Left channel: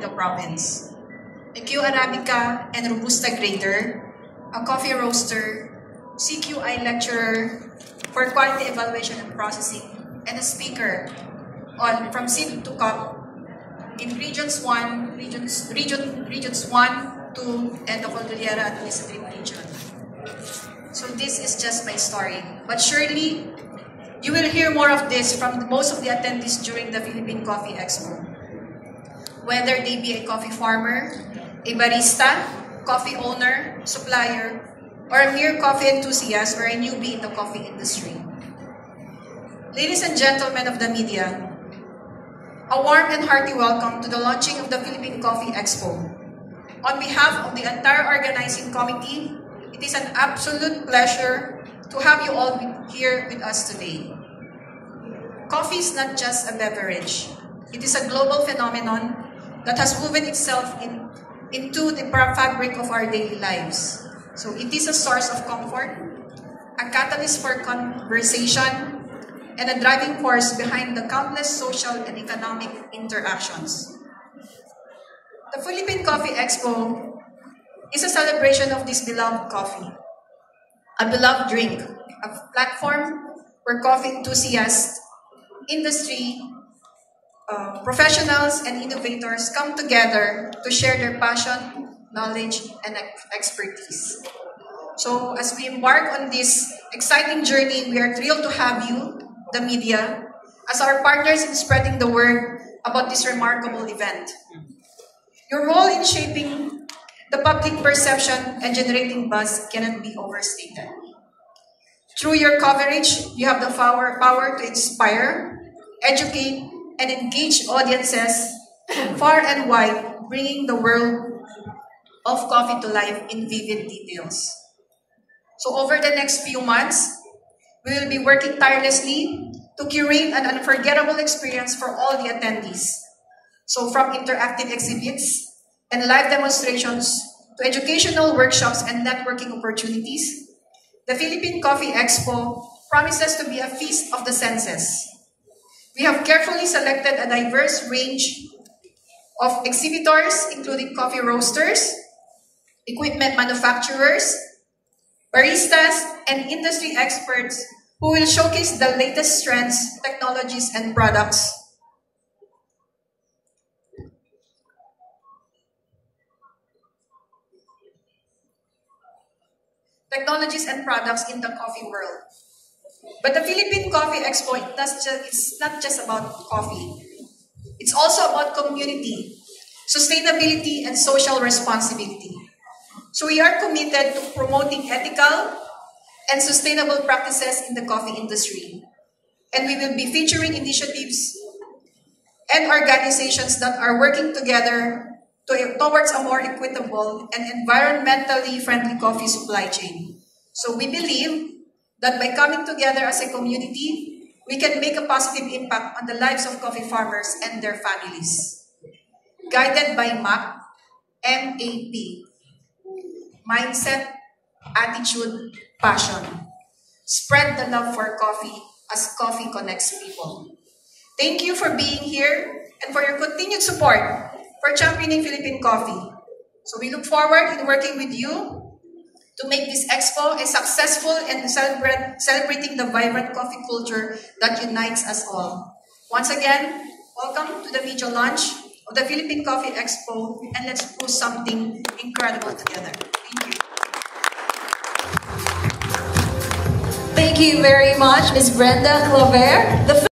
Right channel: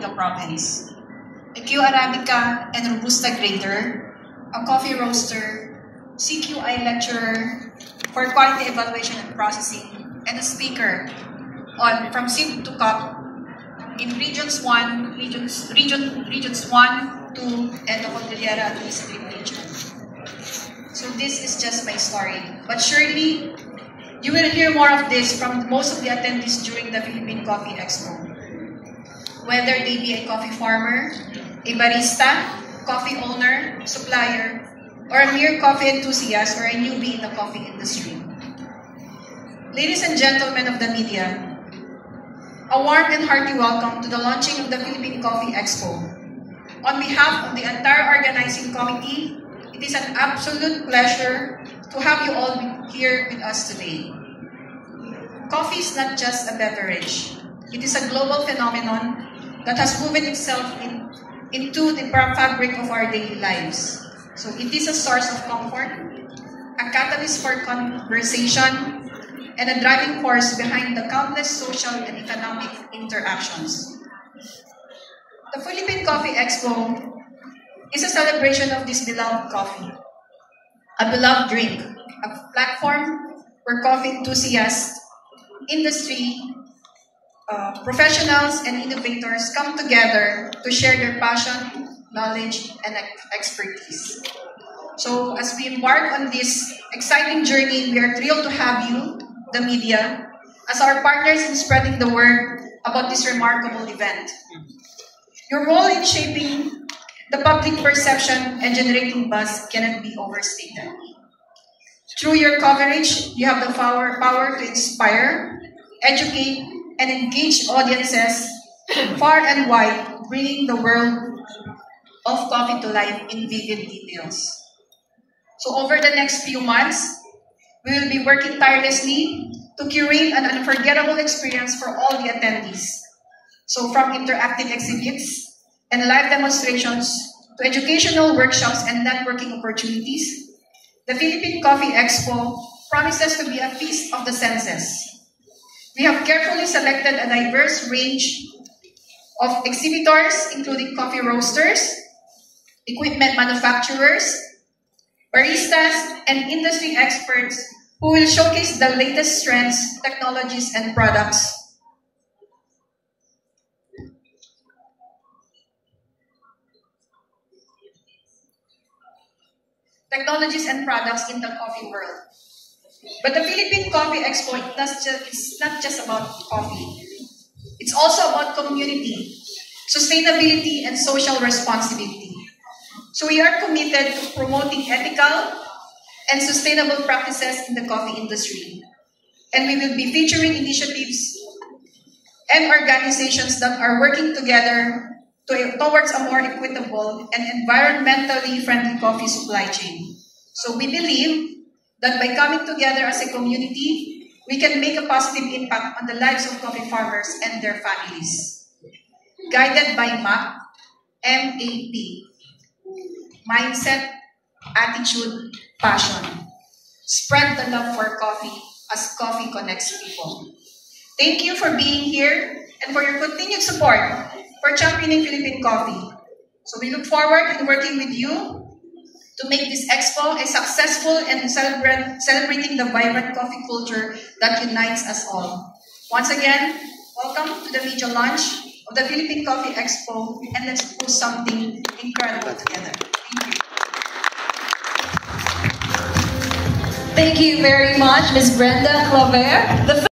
in the province. A Q Arabica and Robusta grader, a coffee roaster, CQI lecturer for quality evaluation and processing, and a speaker on from seed to cup in regions 1, regions 1, 2, and the Cordillera Administrative Region. So this is just my story. But surely, you will hear more of this from most of the attendees during the Philippine Coffee Expo. Whether they be a coffee farmer, a barista, coffee owner, supplier, or a mere coffee enthusiast or a newbie in the coffee industry. Ladies and gentlemen of the media, a warm and hearty welcome to the launching of the Philippine Coffee Expo. On behalf of the entire organizing committee, it is an absolute pleasure to have you all here with us today. Coffee is not just a beverage. It is a global phenomenon that has woven itself into the fabric of our daily lives. So it is a source of comfort, a catalyst for conversation, and a driving force behind the countless social and economic interactions. The Philippine Coffee Expo is a celebration of this beloved coffee, a beloved drink, a platform where coffee enthusiasts, industry, professionals, and innovators come together to share their passion, knowledge, and expertise. So as we embark on this exciting journey, we are thrilled to have you, the media, as our partners in spreading the word about this remarkable event. Your role in shaping the public perception and generating buzz cannot be overstated. Through your coverage, you have the power to inspire, educate, and engage audiences far and wide, bringing the world of coffee to life in vivid details. So over the next few months, we will be working tirelessly to curate an unforgettable experience for all the attendees. So from interactive exhibits and live demonstrations to educational workshops and networking opportunities, the Philippine Coffee Expo promises to be a feast of the senses. We have carefully selected a diverse range of exhibitors, including coffee roasters, equipment manufacturers, baristas, and industry experts who will showcase the latest trends, technologies, and products. In the coffee world. But the Philippine Coffee Expo it's not just about coffee. It's also about community, sustainability, and social responsibility. So we are committed to promoting ethical and sustainable practices in the coffee industry. And we will be featuring initiatives and organizations that are working together towards a more equitable and environmentally friendly coffee supply chain. So we believe that by coming together as a community, we can make a positive impact on the lives of coffee farmers and their families. Guided by MAP, Mindset, Attitude, Passion. Spread the love for coffee as coffee connects people. Thank you for being here and for your continued support for championing Philippine coffee. So we look forward in working with you to make this expo a successful and celebrating the vibrant coffee culture that unites us all. Once again, welcome to the media launch of the Philippine Coffee Expo, and let's do something incredible together. Thank you. Thank you very much, Ms. Brenda Clover.